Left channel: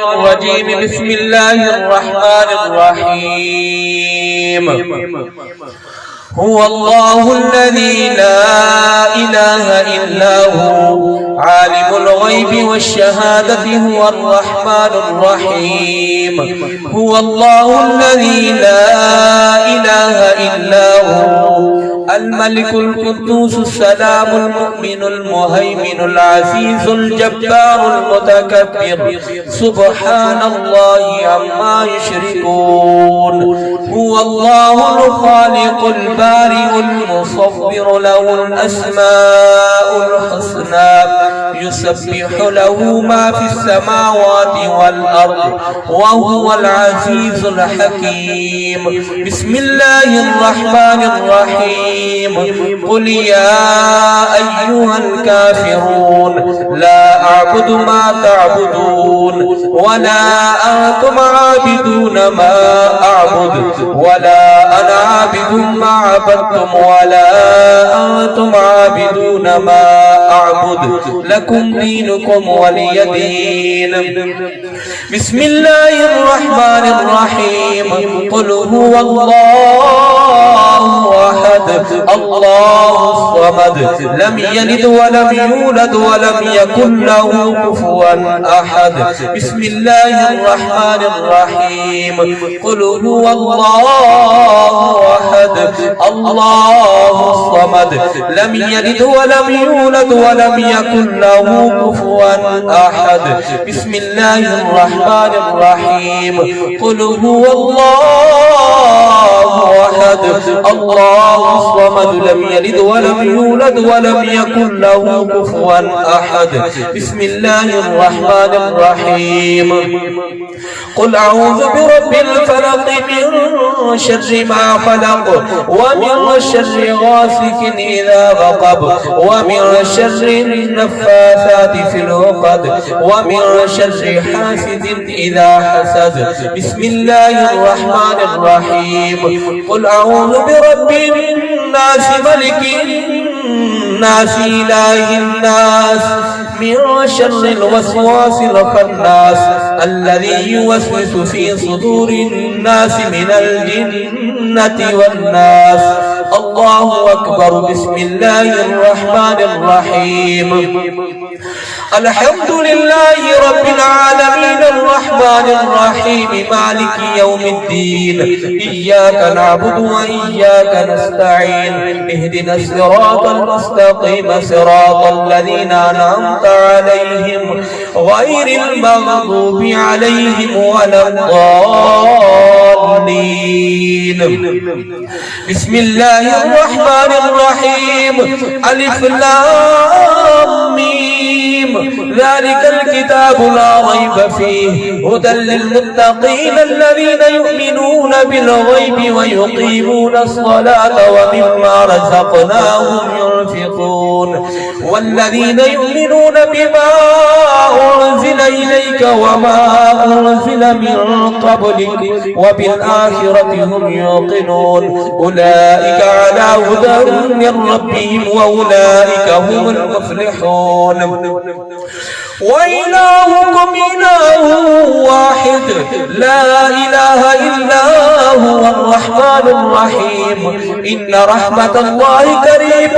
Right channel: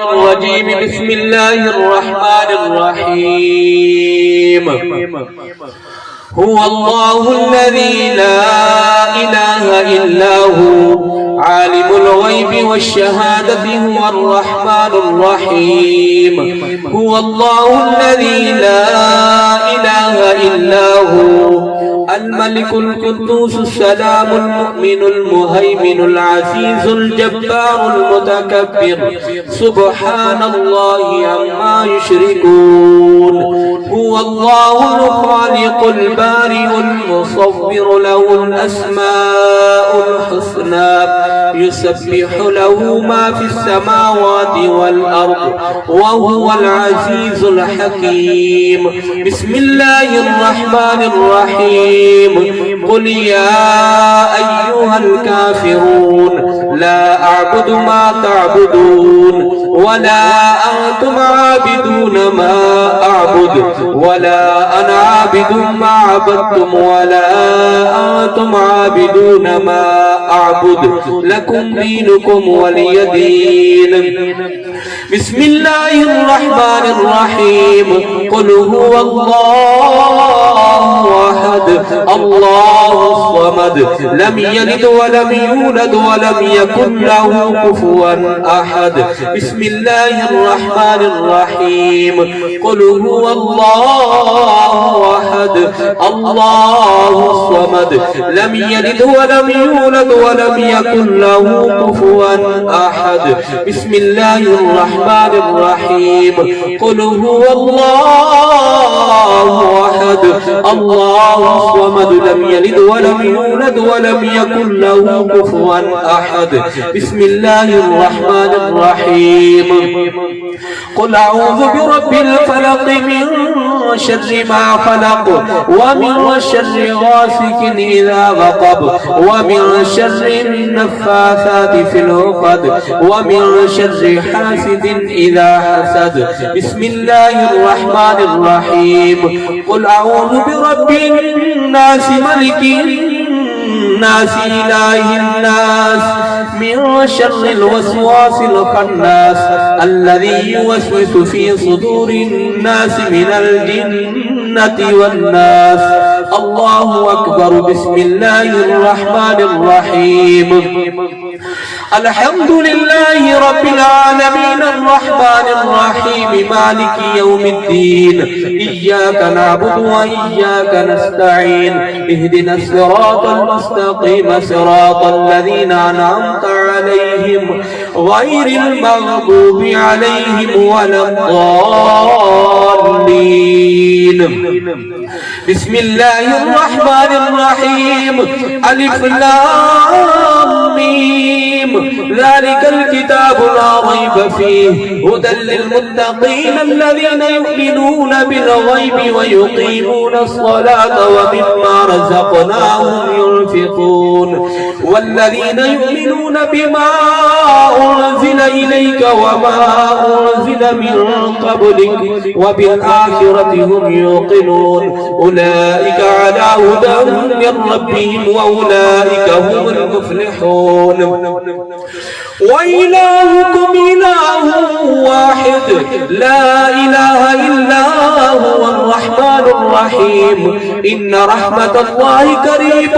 الرجيم بسم الله الرحمن الرحيم هو الله الذي لا إله إلا هو عالم الغيب والشهادة هو الرحمن الرحيم هو الله الذي لا إله إلا هو الملك القدوس السلام المؤمن المهيمن العزيز الجبار المتكبر سبحان الله عما يشركون هو الله الخالق البارئ المصور له الأسماء الحسنى يسبح له ما في السماوات والأرض وهو العزيز الحكيم بسم الله الرحمن الرحيم قل يا أيها الكافرون لا أعبد ما تعبدون ولا أنتم عابدون ما أعبد ولا أنا عابد ما عبدتم ولا أنتم عابدون ما أعبد لكم دينكم ولي دين بسم الله الرحمن الرحيم قل هو الله أحد الله الصمد لم يلد ولم يولد ولم يكن له كفوا أحد بسم الله الرحمن الرحيم قل هو الله أحد الله الصمد لم يلد ولم يولد ولم يكن له كفوا أحد بسم الله الرحمن الرحيم قل هو الله أحد الله الصمد لم يلد ولم يولد ولم يكن له كفوا أحد بسم الله الرحمن الرحيم قل أعوذ برب الفلق من شر ما خلق ومن شر غاسق إذا وقب ومن شر النفاثات في العقد ومن شر حاسد إذا حسد بسم الله الرحمن الرحيم قل أعوذ برب الناس ملك الناس إله الناس من شر الوسواس الخناس الذي يوسوس في صدور الناس من الجنة والناس الله أكبر بسم الله الرحمن الرحيم الحمد لله رب العالمين الرحمن الرحيم مالك يوم الدين إياك نعبد وإياك نستعين اهدنا الصراط المستقيم صراط الذين أنعمت عليهم غير المغضوب عليهم ولا الضالين بسم الله الرحمن الرحيم ألف لام ميم ذلك الكتاب لا ريب فيه هدى للمتقين الذين يؤمنون بالغيب ويقيمون الصلاة ومما رزقناهم ينفقون والذين يؤمنون بما أنزل إليك وما أنزل من قبلك وبالآخرة هم يوقنون أولئك على هدى من ربهم وأولئك هم المفلحون وإلهكم إله واحد لا إله إلا هو الرحمن الرحيم إن رحمة الله قريب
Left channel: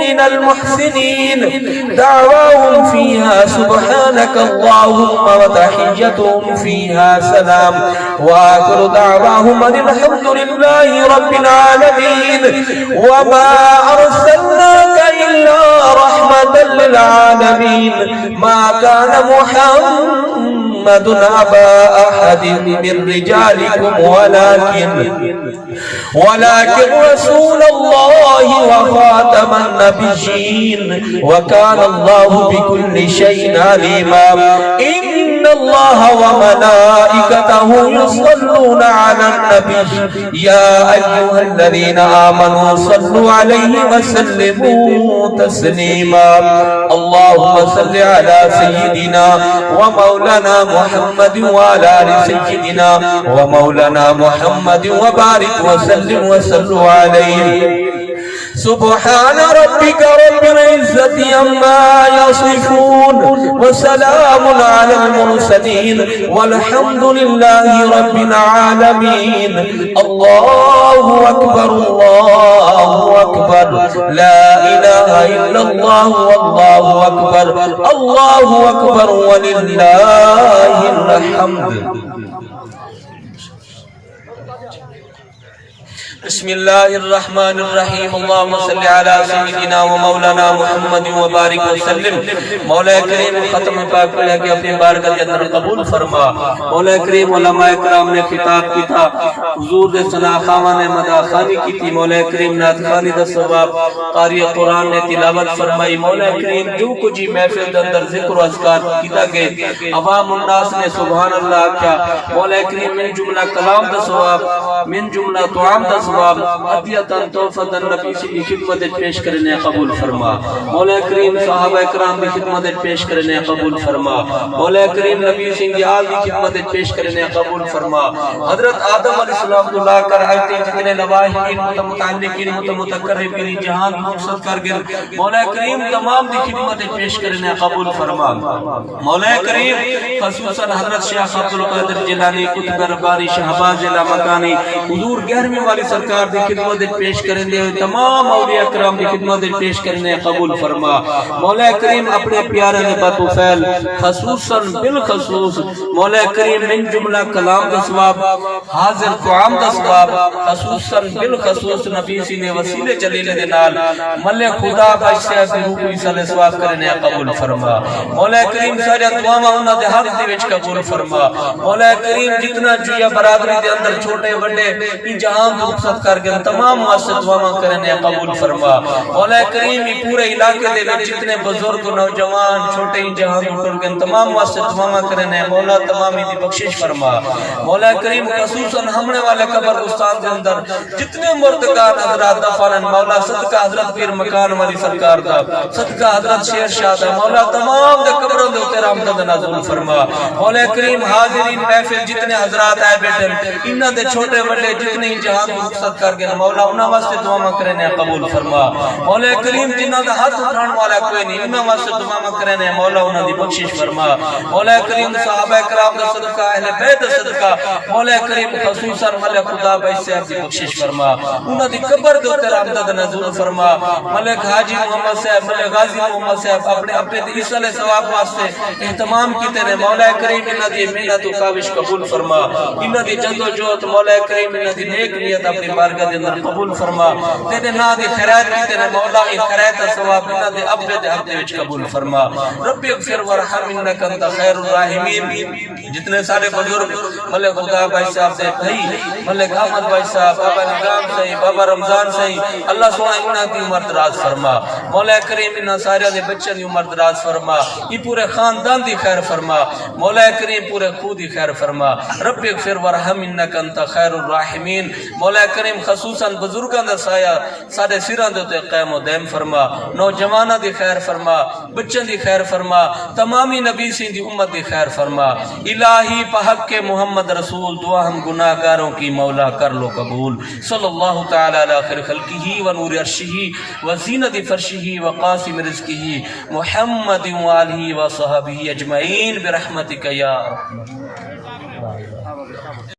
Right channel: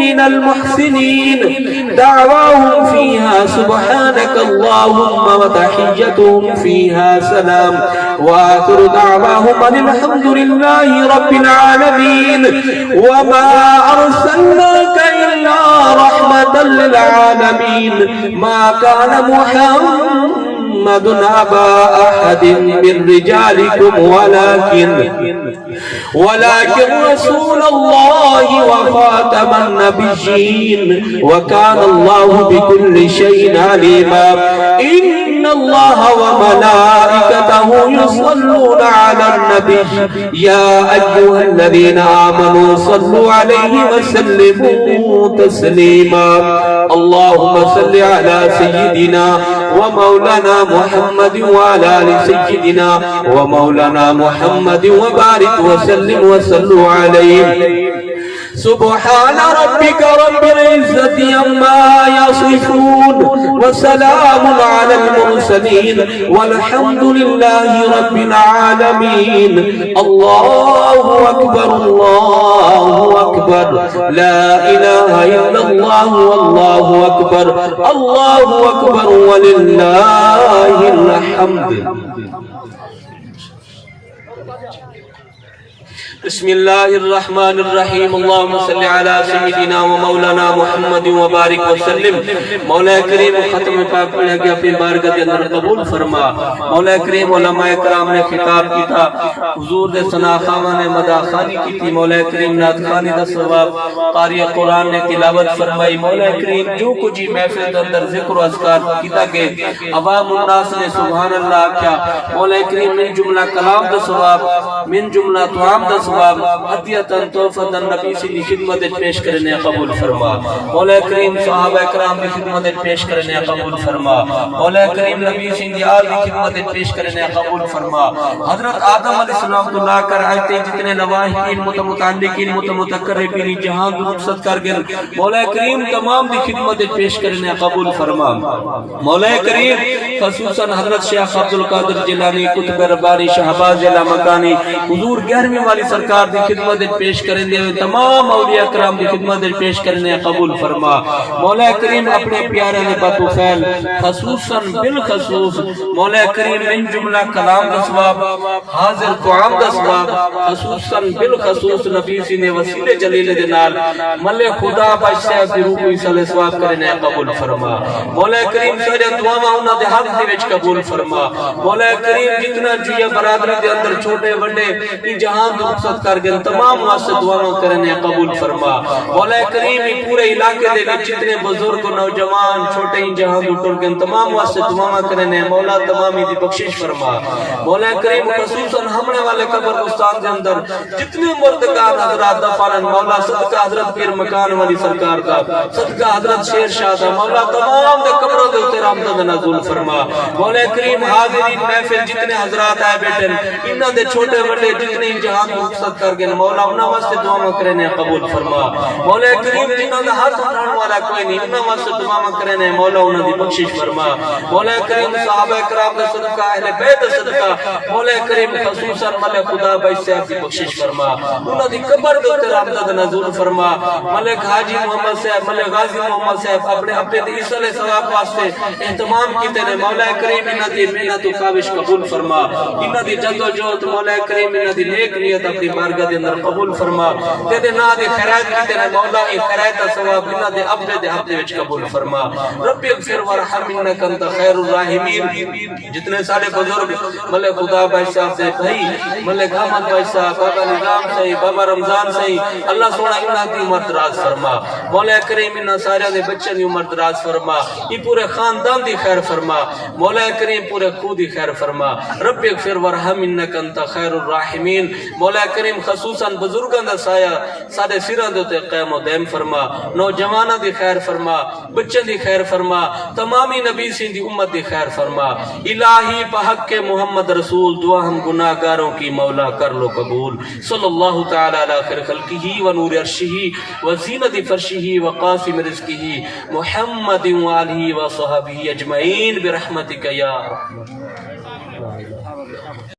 من المحسنين دعواهم فيها سبحانك اللهم وتحيتهم فيها سلام وآخر دعواهم أن الحمد لله رب العالمين وما أرسلناك إلا رحمة للعالمين ما كان محمد أبا أحد من رجالكم ولكن رسول الله وخاتم النبيين وكان الله بكل شيء عليما إن الله وملائكته يصلون على النبي يا أيها الذين آمنوا صلوا عليه وسلموا تسليما اللهم صل على سيدنا ومولانا محمد وعلى آل سيدنا ومولانا محمد وبارك وسلم وصلوا عليه سبحان ربك رب العزة عما يصفون وسلام على المرسلين والحمد لله رب العالمين. الله أكبر الله أكبر لا إله إلا الله والله أكبر الله أكبر ولله الحمد. بسم الله الرحمن الرحیم. اللهم صل علی سیدنا و مولانا محمد وبارک وسلم. مولا کریم ختم پاک پڑھ کے اپنی بارگاہ کے اندر قبول فرما. مولا کریم علماء کرام نے خطاب کی تھا، حضور نے ثنا خواہ نے مدح خوانی کی تھی. مولا کریم نعت خوانی دا ثواب، قاری قرآن نے تلاوت فرمائی. مولا کریم جو کچھ محفل کے اندر ذکر و اذکار کیتا گئے، عوام الناس نے سبحان اللہ کیا. مولا کریم من جملہ کلام دا ثواب، من جملہ طعام دا ثواب، عطیتاً توفتاً نبی سے خدمت پیش کرنے قبول فرما. مولا کریم صحابہ اکرام کی خدمت پیش کرنے قبول فرما. مولا کریم نبی سے آل کی خدمت پیش کرنے قبول فرما. حضرت آدم علیہ السلام اللہ کر آئیتے جتنے نواحقین متمتعلقین متمتقربین جہاں مقصد کر گئے، مولا کریم تمام کی خدمت پیش کرنے قبول فرما. مولا کریم خصوصاً حضرت شیخ عبدالقادر جیلانی قطب ربانی شہباز لامکانی حضور 11ویں والی سرکار دی خدمت پیش کریں دے، تمام اولیاء اکرام دی خدمت پیش کرنے قبول فرما. مولا کریم اپنے پیارے نے باتو فیل خصوصاً بالخصوص مولا کریم من جملہ کلام دا ثواب، حاضر طعام دا ثواب، خصوصاً بالخصوص نبی سی نے وسیلے جلیل دے نال ملے خدا باشیہ دی روح کو عیسیٰ علیہ ثواب کرنے قبول فرما. مولا کریم سارے دعاواں انہاں دے حق دے وچ قبول فرما. مولا کریم جتنا جویا برادری دے اندر چھوٹے بڑے ان جہاں مقصد کر گئے تمام واسطے دعاواں کرنے قبول فرما. مولا کریم پورے علاقے دے وچ جتنے بزرگ نوجوان چھوٹے جہاں ٹول گئے تمام واسطے دعاواں کرنے مولا تمامی دی بخشش فرما. مولا کریم خصوصاً ہمنے والے قبرستان دے اندر جتنے مردگان حضرات دفن مولا صدقہ حضرت پیر مکان والی سرکار دا، صدقہ حضرت شیر شاہ دا، مولا تمام دے قبروں دے اوتے رحمت نازل فرما. مولا کریم حاضرین محفل جتنے حضرات آئے بیٹھے انہاں دے چھوٹے بڑے جتنے جہاں مقصد کر گئے مولا انہاں واسطے دعاواں کرنے قبول فرما. مولا کریم جنہاں دا ہاتھ اٹھان والا کوئی نہیں انہاں واسطے دعاواں کرنے مولا انہاں دی بخشش فرما. مولا کریم صحابہ کرام دا صدقہ اہل بیت صدقہ مولا کریم خصوصاً ملک خدا بھائی سے آپ دی بخشش فرما. انہاں دی قبر دے اوتے رحمت نازل فرما. ملک حاجی محمد صاحب ملک غازی محمد صاحب اپنے عیسیٰ علیہ ثواب واسطے اہتمام کیتے نے مولا کریم انہاں دی محنت و کاوش قبول فرما. انہاں دی جدوجہد مولا کریم انہاں دی نیک نیت اپنی بارگاہ دے اندر قبول فرما. تے نا دی خیرات کیتے نے مولا اے خیرات دا ثواب انہاں دے اپنے دے حق دے وچ قبول فرما. رب اغفر وارحم انک انت خیر الراحمین. جتنے سارے بزرگ ملک خدا بھائی صاحب دے بھائی ملک احمد بھائی صاحب، بابا نظام صاحب، بابا رمضان صاحب، اللہ سونا انہاں دی عمر دراز فرما. مولا کریم انہاں سارے دے بچوں دی عمر دراز فرما. ای پورے خاندان دی خیر فرما. مولا کریم پورے خود دی خیر فرما. رب اغفر وارحم انک انت خیر الراحمین. مولا کریم خصوصاً بزرگاں دا سایہ سارے سراں دے تے قائم و دائم فرما. نوجواناں دی خیر فرما، بچوں دی خیر فرما، تمامی نبی سی دی امت دی خیر فرما. الہی بحق کے محمد رسول دعا ہم گناہگاروں کی مولا کر لو قبول. صلی اللہ تعالی علی خیر خلقہ و نور عرشہ و زینت فرشہ و قاسم رزقہ محمد و آلہ و صحابہ اجمعین برحمتک یا ارحم.